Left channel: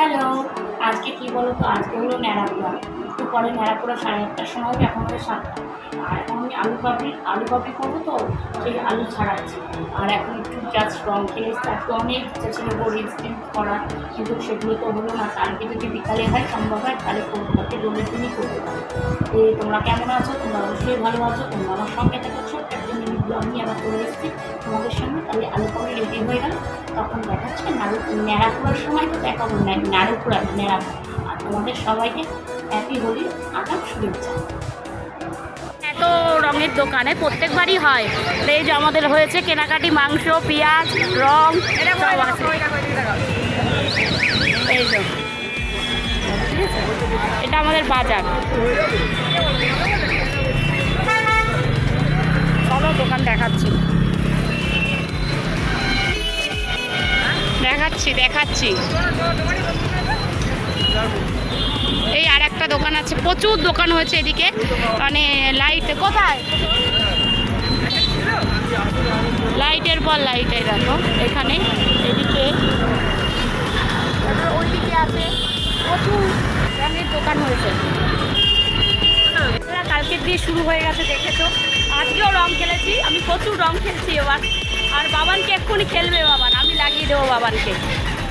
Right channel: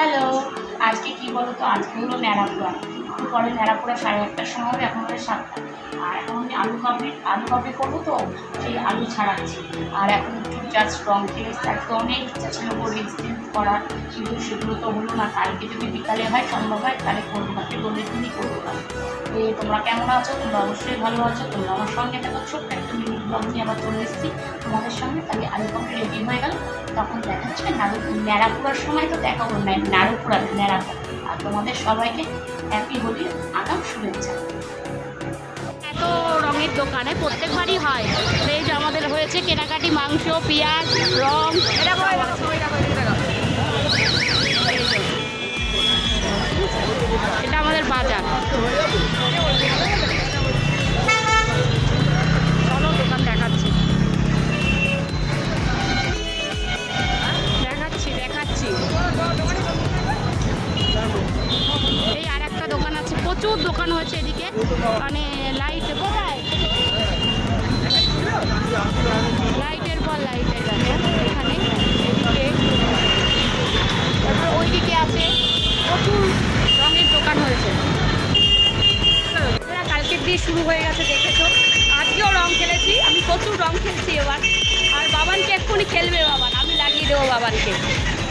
Hello, আজকে কি বলো তো, আজকে হলো ন্যাড়াপোড়া। একটু পরে ন্যাড়াপোড়া 1:30টার সময় হবে, এখন হবে 7টা। আর এখন আমি আলু কাবলি করবো, তো সেই আলু ছাড়াচ্ছি। আর এখন একটু জাস্ট রং খেলে আজকে অনেক ইচ্ছা ছিল বড়ি স্টিম করা, কিন্তু সেগুলো তো হলো না। কালকে যদি বিকালে হয় সম্ভব হয় তাহলে করবো, একটু দোলের দিনই করতে পারবো। তো তোমরা কেমন আছো? তোমরা অবশ্যই ভালো আছো। তোমরা আমার সঙ্গে থাকো, ছোট্ট একটা মিনি ব্লগ নিয়ে আবার চলে এসেছি তোমাদের সামনে। তাহলে আলু কাবলি রেডি হয়ে গেল, তখন দেখাচ্ছে ন্যাড়াপোড়ার সময় তো দেখাবো নাড়ুপোড়া ন্যাড়াপোড়া। আর তোমাদের সবাইকে হ্যাপি হোলি আগাম শুভেচ্ছা। এত রঙের দোকানে প্রত্যেকবারই হয়। এই যে আমাদের হয়েছে কেনাকাটি, মাংস, পেঁয়াজ, রং, এটা আমাদের বাজার। চলো দোকান দেখাচ্ছি দেখাচ্ছি। এই আর একটা দোকান আছে, প্রচুর দোকান হয়েছে এদিকে। মানে লাইট কোথায়, লাইটের পর লাইট, এই দেখো এখানে, এদিকে, তারপর ওইদিকে আছে, প্রচুর রঙের দোকান হয়েছে। কালকের দিয়ে শুরু হয়ে গেছে, দেখেছো। আজকেও রং খেলেছি, আমি প্রচুর রং খেলছি এবার। আর বাবানকে এক্ষুনি খেলবে বাবান, আমি লাগিয়ে দেবো বাবানকে।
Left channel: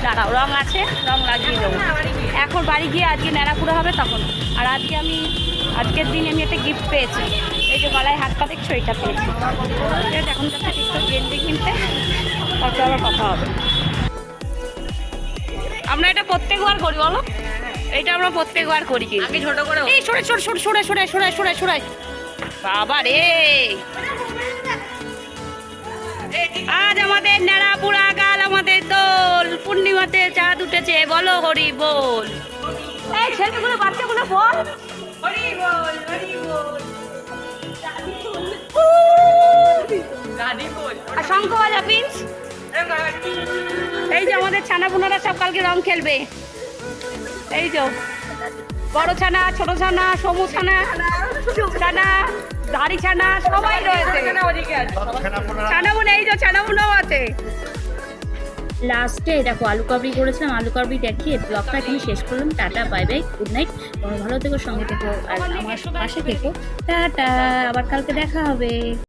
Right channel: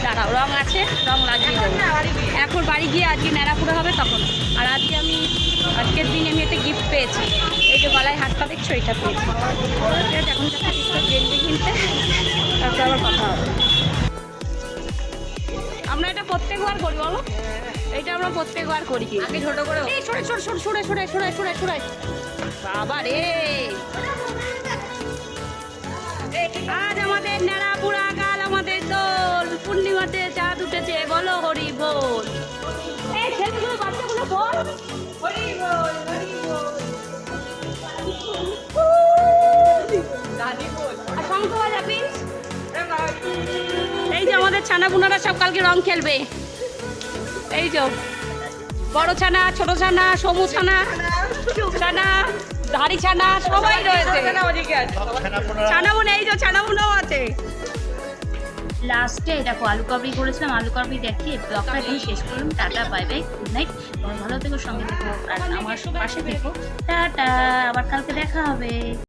দাঁড়াও, রং আছে, রং লাগিয়ে দেবো এখন। বাড়ি গিয়ে আজকে ন্যাড়াপোড়া হবে তখন। আর আজকের দিনে আমি একটা গিফট পেয়েছি, এই যে গলায় হাতটা দেখছো, এটা পেয়েছি। ঠিক আছে, এখন যাচ্ছে টিকটক গেঞ্জি কিনতে, তারপরে আবার কথা হবে। আমরা এটা প্রত্যেকবার করি, বলো, এটা আমরা প্রত্যেকবার করি। কি আগে ছোট করে সরে বাবা রে, আজ আমাদের ন্যাড়াপোড়া, কাল আমাদের দোল, পূর্ণিমাতে চাঁদ উঠেছে, বলো হরি বল। এই ছেলেগুলো, বাচ্চাগুলো বল হরি বল, হরি বল। আর শঙ্খ বাজা প্রিন্স। এই যে আমাদের ছানাপুনারা সব কালকে রং খেলবে। এই যে বড় ছানা, ছোট ছানা, সমু ছানা, ধাড়ি ছানা, সবাই রয়েছে। ছানাপুনা, এই যে ছানাপুনাও আছে। লাস্টে দেখো আলু কাবলি করেছিলাম, আলু কাবলি দেখিয়ে ব্লগটা এখানে শেষ করলাম। Tata, bye bye, good night. তোমার ভালো থেকো, সঙ্গে থেকো, আর আমার পাশে থেকো। টাটা, আবার কালকে দেখা হবে।